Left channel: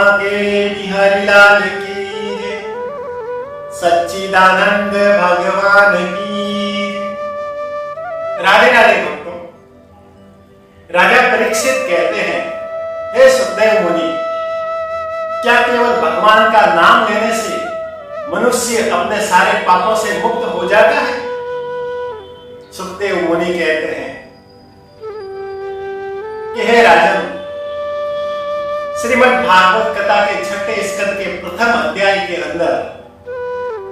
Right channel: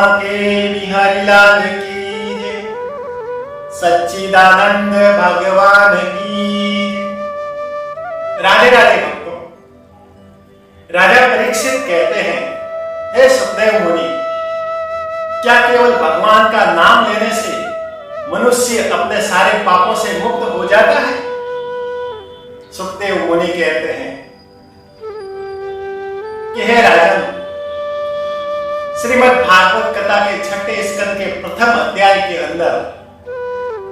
बांके बिहारी लाल की जय, सच्चिदानंद भगवान की जय। राधे राधे भक्तों। राजा परीक्षित कहते हैं, हे सुखदेव मुनि, क्या केवल भगवान का नाम लेने से मनुष्य अपने सारे पापों से मुक्त हो जाता है? सुखदेव मुनि कहते हैं कि हे राजन, श्रीमद् भागवत कथा के 6ठे स्कंद के प्रथम अध्याय के अंदर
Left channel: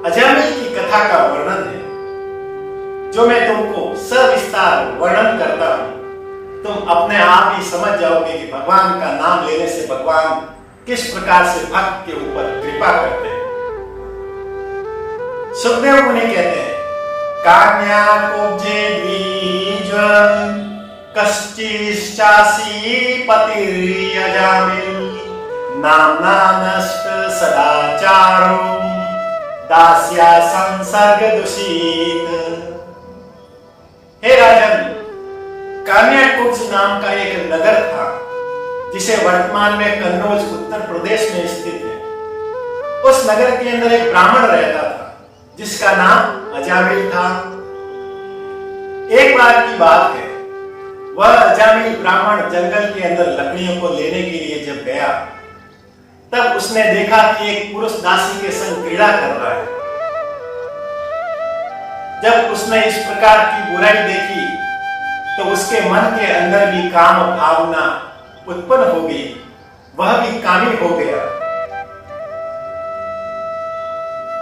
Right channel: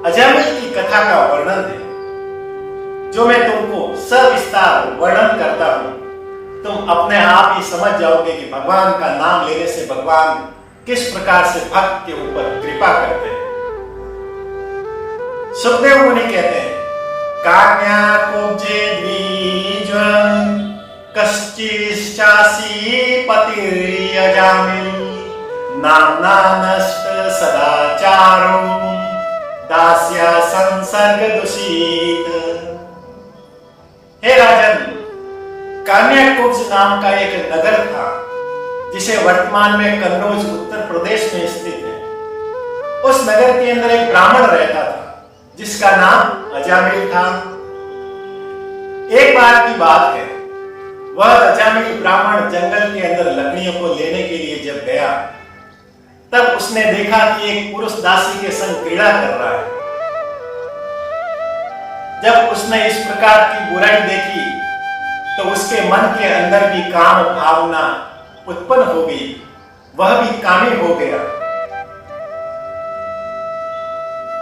अजामिल की कथा का वर्णन है, जो मैं तुमको सविस्तार वर्णन करता हूं। तुम अपने आप ही समझ जाओगे कि भगवान का नाम लेने से भगवान किस प्रकार से भक्त के ऊपर कृपा करते हैं। सुखदेव मुनि कहते हैं, कान्या कुब्जे द्विजं कश्चिश्चासी पतिर्यजामिल नाम्ना नष्ट सदाचारो दास्या संसर्ग दूषित। हे राजन, कान्याकुब्ज नाम का एक नगर था, जिसे वर्तमान में कन्नौज उत्तर प्रदेश में स्थित है। उस नगर के अंदर एक ब्राह्मण रहता था, जिसका नाम अजामिल था। एक बार की बात है, वह अजामिल ब्राह्मण जंगल के अंदर लकड़ियों को लेने के लिए जब गया, तब उसने देखा कि एक पुरुष दासी के संग क्रीड़ा कर रहा है। जब उसने इस प्रकार की बुराई देखी, तो उसके मन के अंदर भी काम भावना उत्पन्न हो गई, वह भी कामी हो गया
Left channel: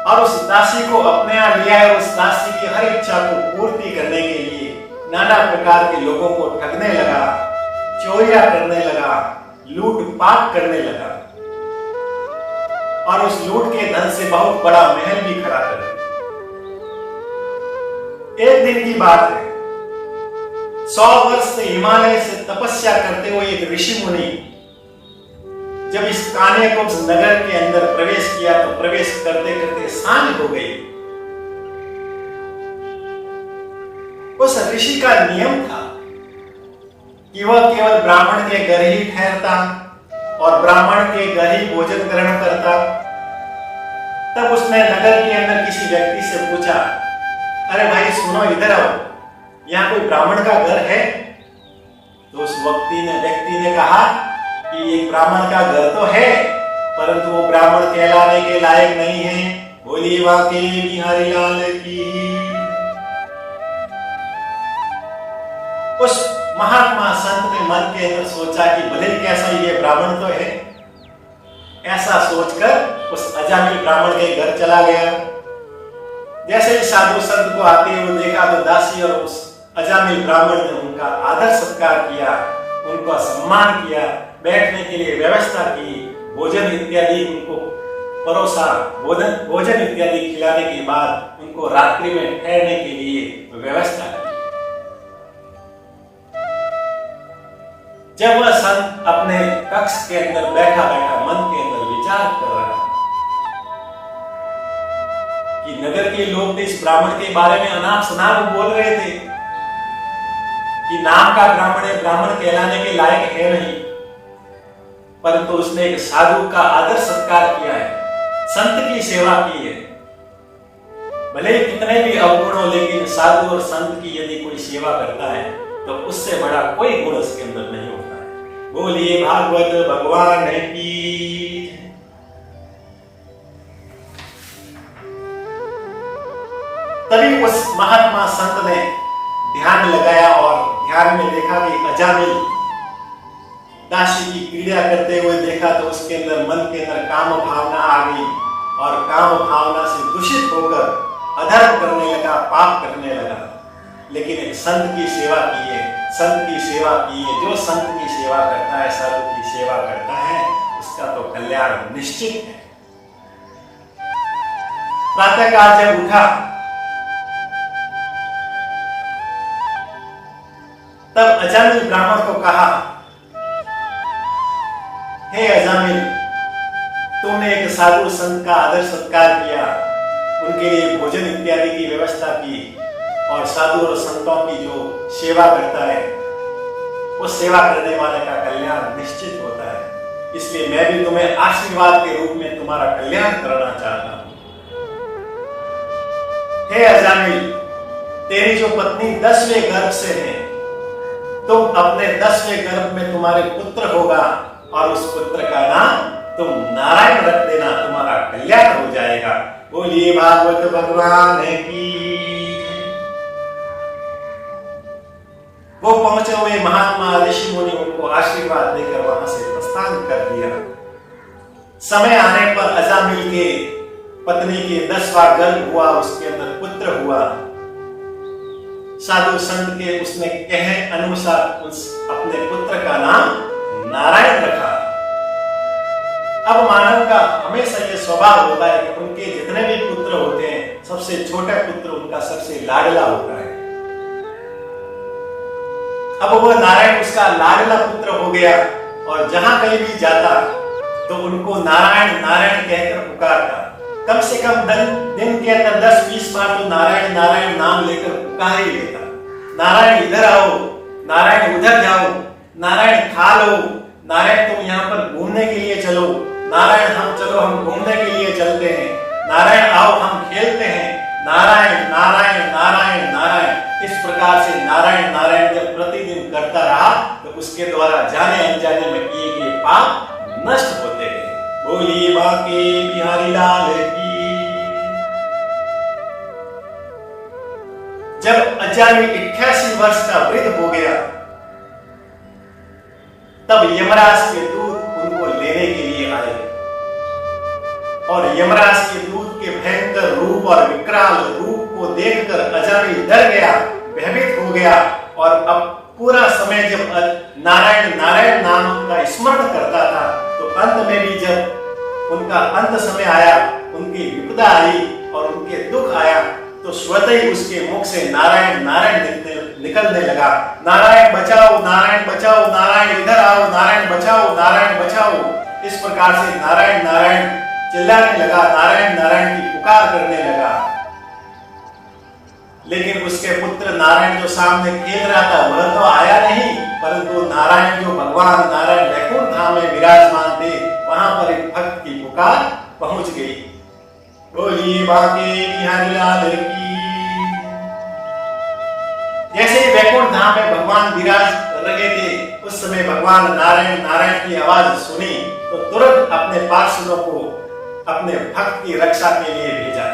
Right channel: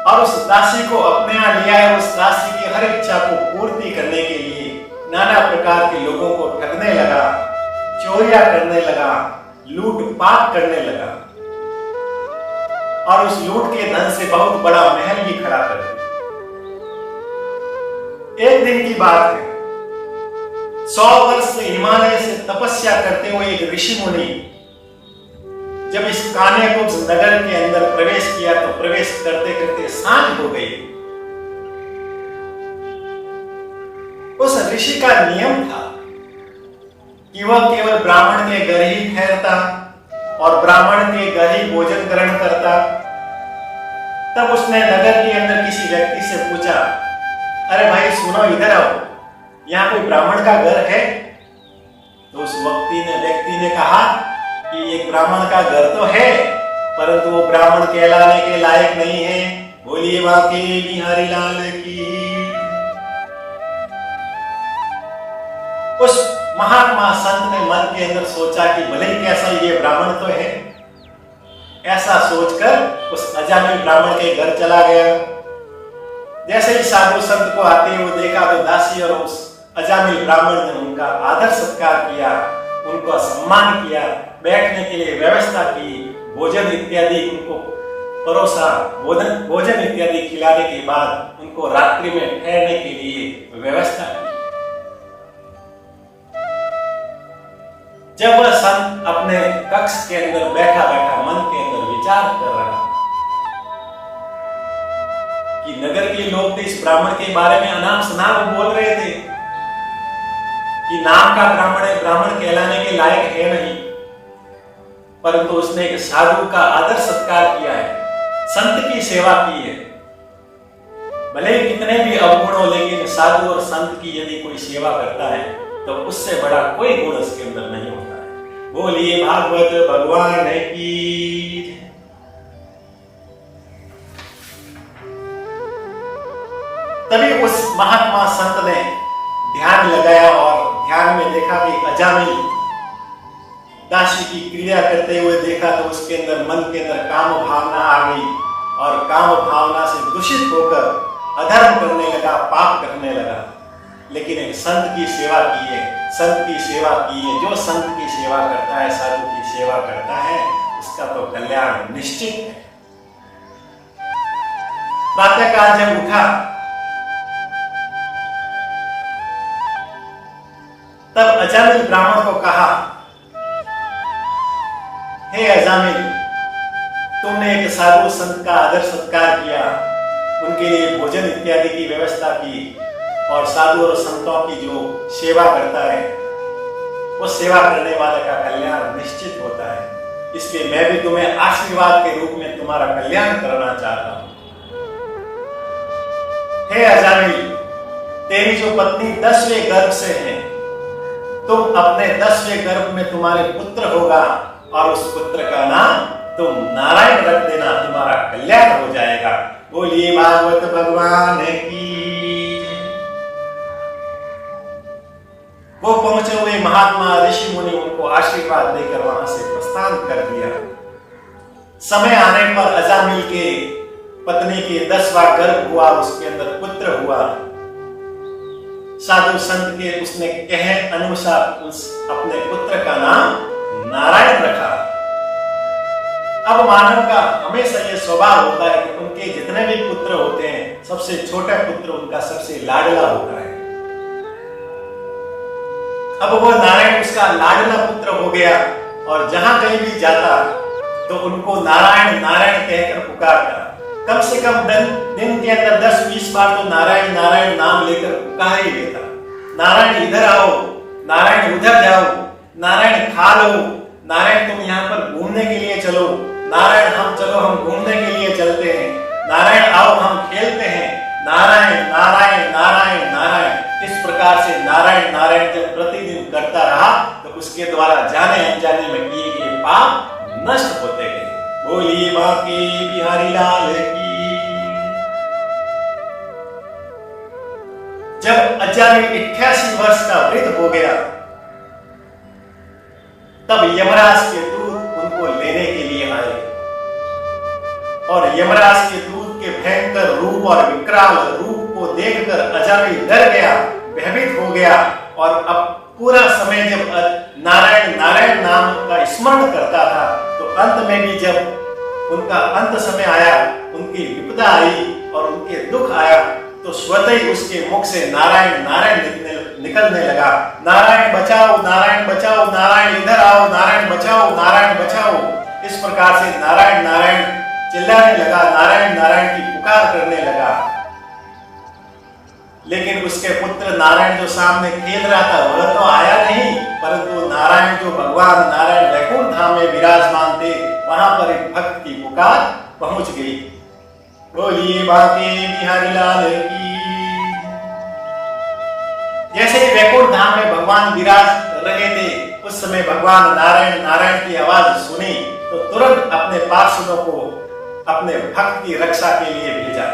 और उस दासी को अपने यहां ले आया। उस दासी की हर इच्छा को पूर्ति करने के लिए नाना प्रकार के लोगों को ठगने लगा, चोरियां करने लगा, लूटपाट करने लगा और उस लूट के धन से बहुत बड़ा महल भी खड़ा कर दिया। एक दिन की बात है, 100 वर्ष से हिमालय से तपस्या करते हुए एक ऋषि मुनि जब इस कान्याकुब्ज नगर के अंदर प्रवेश किया, तो प्रवेश करते करते सांझ हो गई। उस ऋषि का नियम था कि वह केवल ब्राह्मण के घर ही ठहरता और ब्राह्मण के घर ही भोजन ग्रहण करता। तब उसने नगर के अंदर किसी व्यक्ति से पूछा, अरे भाई सुनो, इधर आओ, यहाँ कोई ब्राह्मण का घर है? तो उस व्यक्ति ने कहा कि एक ब्राह्मण का घर तो है, परंतु वो ब्राह्मण कहलाने के लायक नहीं है। बोलिए बांके बिहारी लाल की। उस महात्मा संत ने मन के अंदर सोचा कि भले कैसा ये ब्राह्मण तो है। ऐसा सोचकर उस अजामिल ब्राह्मण के घर चला गया। जैसे ही साधु संत को आते हुए देखा, तो दासी और उस अजामिल ब्राह्मण ने उनका आदर सत्कार किया, उनका सम्मान किया, बैठने के लिए व्यवस्था की, भोजन इत्यादि उनको परोसा। भोजन इत्यादि खिलाने के बाद उनको रात्रि में ठहरने के लिए व्यवस्था की। जब वह संत अपने कक्ष के अंदर बैठा बैठा मन के अंदर विचार कर रहा कि नगर के लोग तो इस ब्राह्मण के बारे में अनाप शनाप बोल रहे थे कि नाम का ब्राह्मण है, ब्राह्मण कहलाने के लायक है नहीं, परंतु उसने एक साधु का आदर सत्कार किया है, संत की सेवा की है। भले ही कितने भी अवगुण हो, लेकिन साधु और संत की यदि कोई सेवा करता है तो उससे बड़ा कोई गुण उसके अंदर नहीं होता है। बोलिए भागवत भगवान की। तभी उस महात्मा संत ने ध्यान लगाया और ध्यान में देखा कि अजामिल दासी की क्रीड़ा करते हुए देखा, तो उसके अंदर मन के अंदर काम भावना आ गई और काम भावना से दूषित होकर अधर्म करने लगा, पाप करने लगा। लेकिन एक संत की सेवा की है, संत की सेवा की है। जो संत की सेवा करता है, साधु की सेवा करता है, उसका तो कल्याण निश्चित है। प्रातःकाल जब उठा, तब अजामिल ब्राह्मण को कहा, हे अजामिल, तुमने एक साधु संत का आदर सत्कार किया, उनके लिए भोजन इत्यादि की व्यवस्था की और साधु और संतों की जो सेवा करता है, वो सेवा करने वाले का कल्याण निश्चित होता है। इसलिए मैं भी तुम्हें आशीर्वाद के रूप में तुम्हारा कल्याण करना चाहता हूं। हे अजामिल, तेरी जो पत्नी 10वें गर्भ से है, तुम अपने 10वें गर्भ में तुम्हारे पुत्र होगा और उस पुत्र का नाम तुम नारायण रख देना, तुम्हारा कल्याण हो जाएगा। बोलिए भागवत भगवान की। वो पहुंचे हुए महात्मा ऋषि मुनि उनको आशीर्वाद देकर वहां से प्रस्थान कर दिया। समय आने पर अजामिल के पत्नी के 10वां गर्भ हुआ, उसके अंदर पुत्र हुआ। साधु संत के उसने कहे अनुसार उस अपने पुत्र का नाम नारायण रखा। अब मानव का हमेशा यह स्वभाव होता है कि उनके जितने भी पुत्र होते हैं, सबसे छोटा पुत्र उनका सबसे लाडला होता है। अब वह नारायण उसका लाडला पुत्र हो गया और जहां कहीं भी जाता तो उनको नारायण नारायण कहकर पुकारता। कम से कम दिन के अंदर 10-20 बार तो नारायण नारायण नाम लेकर पुकार ही लेता। नारायण इधर आओ, नारायण उधर जाओ, नारायण खा लो, नारायण तुम यहाँ पर घूमने के लिए चलो, नारायण हम घूमने के लिए चलते हैं, नारायण आओ हम खेलते हैं, नारायण नारायण नारायण नारायण। इस प्रकार से नारायण नारायण जब प्रतिदिन करता रहा तो उसके द्वारा जाने अनजाने में किए गए पाप नष्ट होते गए। बोली बाके बिहारी लाल की। जब अजामिल 88 वर्ष का वृद्ध हो गया, तब यमराज के दूत उनको लेने के लिए आए और यमराज के दूत के भयंकर रूप और विकराल रूप को देखकर अजामिल डर गया, भयभीत हो गया और अब पूरा समय जब नारायण नारायण नाम का स्मरण करता था तो अंत में भी जब उनका अंत समय आया, उनकी विपदा आई और उनके दुख आया तो स्वतः ही उसके मुख से नारायण नारायण निकलने लगा। नारायण बचाओ, नारायण बचाओ, नारायण इधर आओ, नारायण बचाओ, नारायण बचाओ। इस प्रकार से नारायण नारायण चिल्लाने लगा, नारायण नारायण की पुकार करने लगा। लेकिन उसके पुत्र नारायण जो सामने खेल रहा था वह तो आया नहीं, परंतु नारायण जो भगवान नारायण वैकुंठ धाम में विराजमान थे, वहां पर एक भक्त की पुकार पहुंच गई। बोलिए बाके बिहारी लाल की। जैसे ही वैकुंठ धाम में भगवान विराज रहे थे, उस समय भगवान नारायण नारायण की आवाज सुनी तो तुरंत अपने पार्षदों को अपने भक्त की रक्षा के लिए भेजा।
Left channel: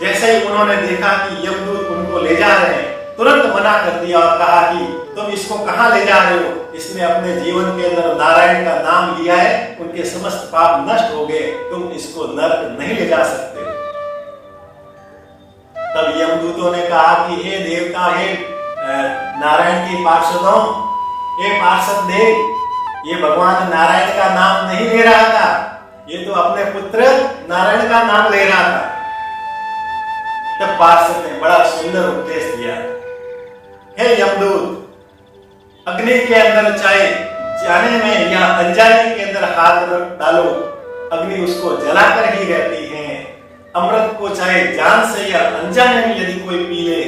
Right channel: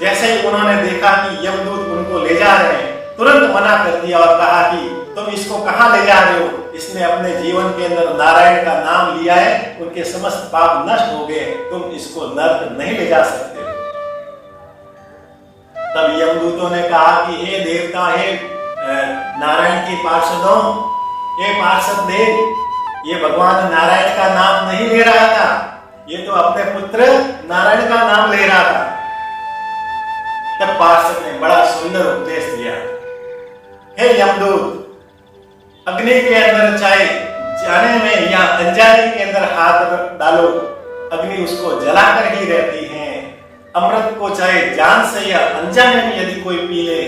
जैसे ही उन्होंने देखा कि यमदूत उनको ले जा रहे हैं, तुरंत मना कर दिया और कहा कि तुम इसको कहां ले जा रहे हो? इसने अपने जीवन के अंदर नारायण का नाम लिया है, उनके समस्त पाप नष्ट हो गए, तुम इसको नरक नहीं ले जा सकते। तब यमदूतों ने कहा कि हे देवता, हे नारायण के पार्षदों, हे पार्षद देव, ये भगवान नारायण का नाम नहीं ले रहा था, ये तो अपने पुत्र नारायण का नाम ले रहा था। तब पार्षद ने बड़ा सुंदर उपदेश दिया। हे यमदूत, अग्नि के अंदर चाहे जाने में या अनजाने के अंदर हाथ डालो, अग्नि उसको जलाकर ही रहती है। अमृत को चाहे जान से या अनजाने में यदि कोई पी ले,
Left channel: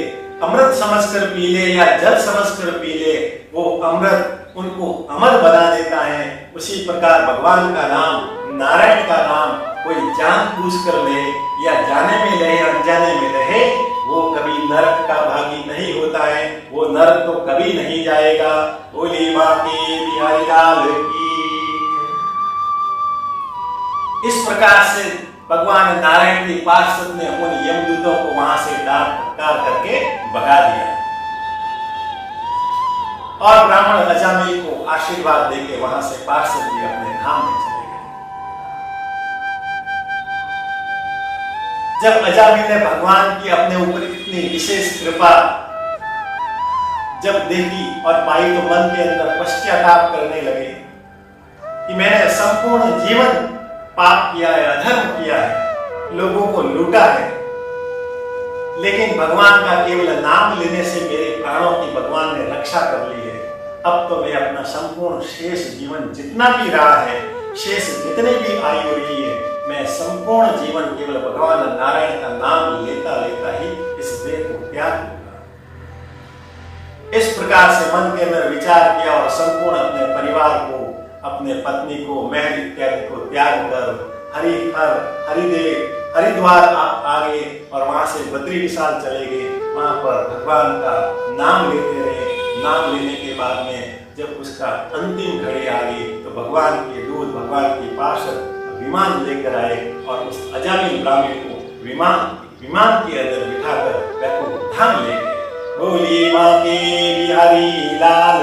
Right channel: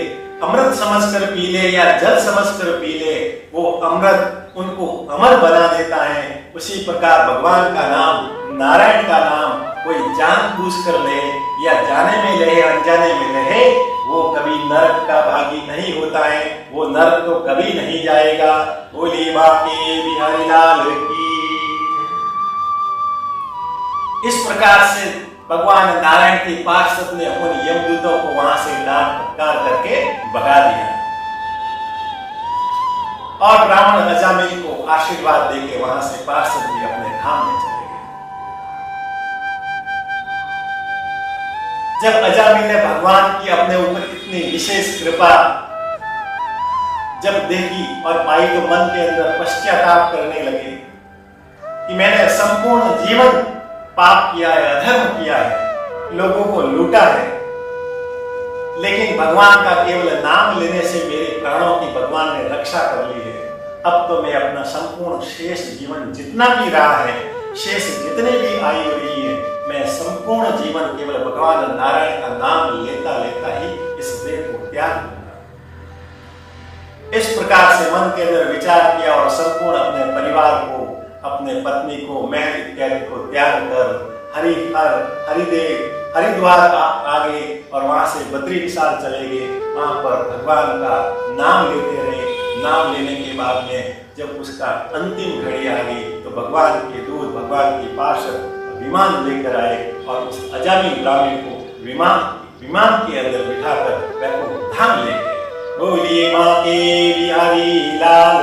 अमृत समझकर पी ले या जल समझकर पी ले, वो अमृत उनको अमर बना देता है। उसी प्रकार भगवान का नाम, नारायण का नाम कोई जानबूझ कर ले या जाने में रहे अनजाने में रहे, वो कभी नरक का भागी नहीं होता है, वो नरक तो कभी नहीं जाएगा। बोली बाके बिहारी लाल की। इस प्रकार से भगवान नारायण के पार्षद ने उन यमदूतों को वहां से डांट फटकार करके भगा दिया और ब्राह्मण अजामिल को आशीर्वाद देके वहां से पार्षद भी अपने धाम में चले गए। जब अजामिल ने भगवान की अपने ऊपर इतनी विशेष कृपा जब देखी और पाई तो मन के अंदर पश्चाताप करने लगे कि मैंने संपूर्ण जीवन पाप किया है, अधर्म किया है, लोगों को लूटा है, लेकिन भगवान का केवल नाम लेने से मेरे प्राणों की भगवान ने रक्षा कर ली है। अब तो मैं अपना संपूर्ण शेष जीवन जितना भी रहा है, शेष जितनी भी आयु रही है, मैं संपूर्ण जीवन केवल भगवान नारायण का नाम लेता लेता ही इस देह को त्याग दूंगा। इस प्रकार से मन के अंदर विचार किया और संपूर्ण अपने परिवार को, अपने पत्नी को, महल इत्यादि को त्याग कर हरिद्वार आगे और वहां से बद्री विशाल चले गए। वहां पर भगवान का नाम लेते रहे। नाम लेने के बाद में जब उसका अंतिम घड़ी आ गई तो भगवान के दूत, भगवान के पार्षद विमान लेकर आए और उस अजामिल ब्राह्मण को विमान के अंदर बिठाकर वैकुंठ धाम ले गए। बोलिए माँ के बिहारी लाल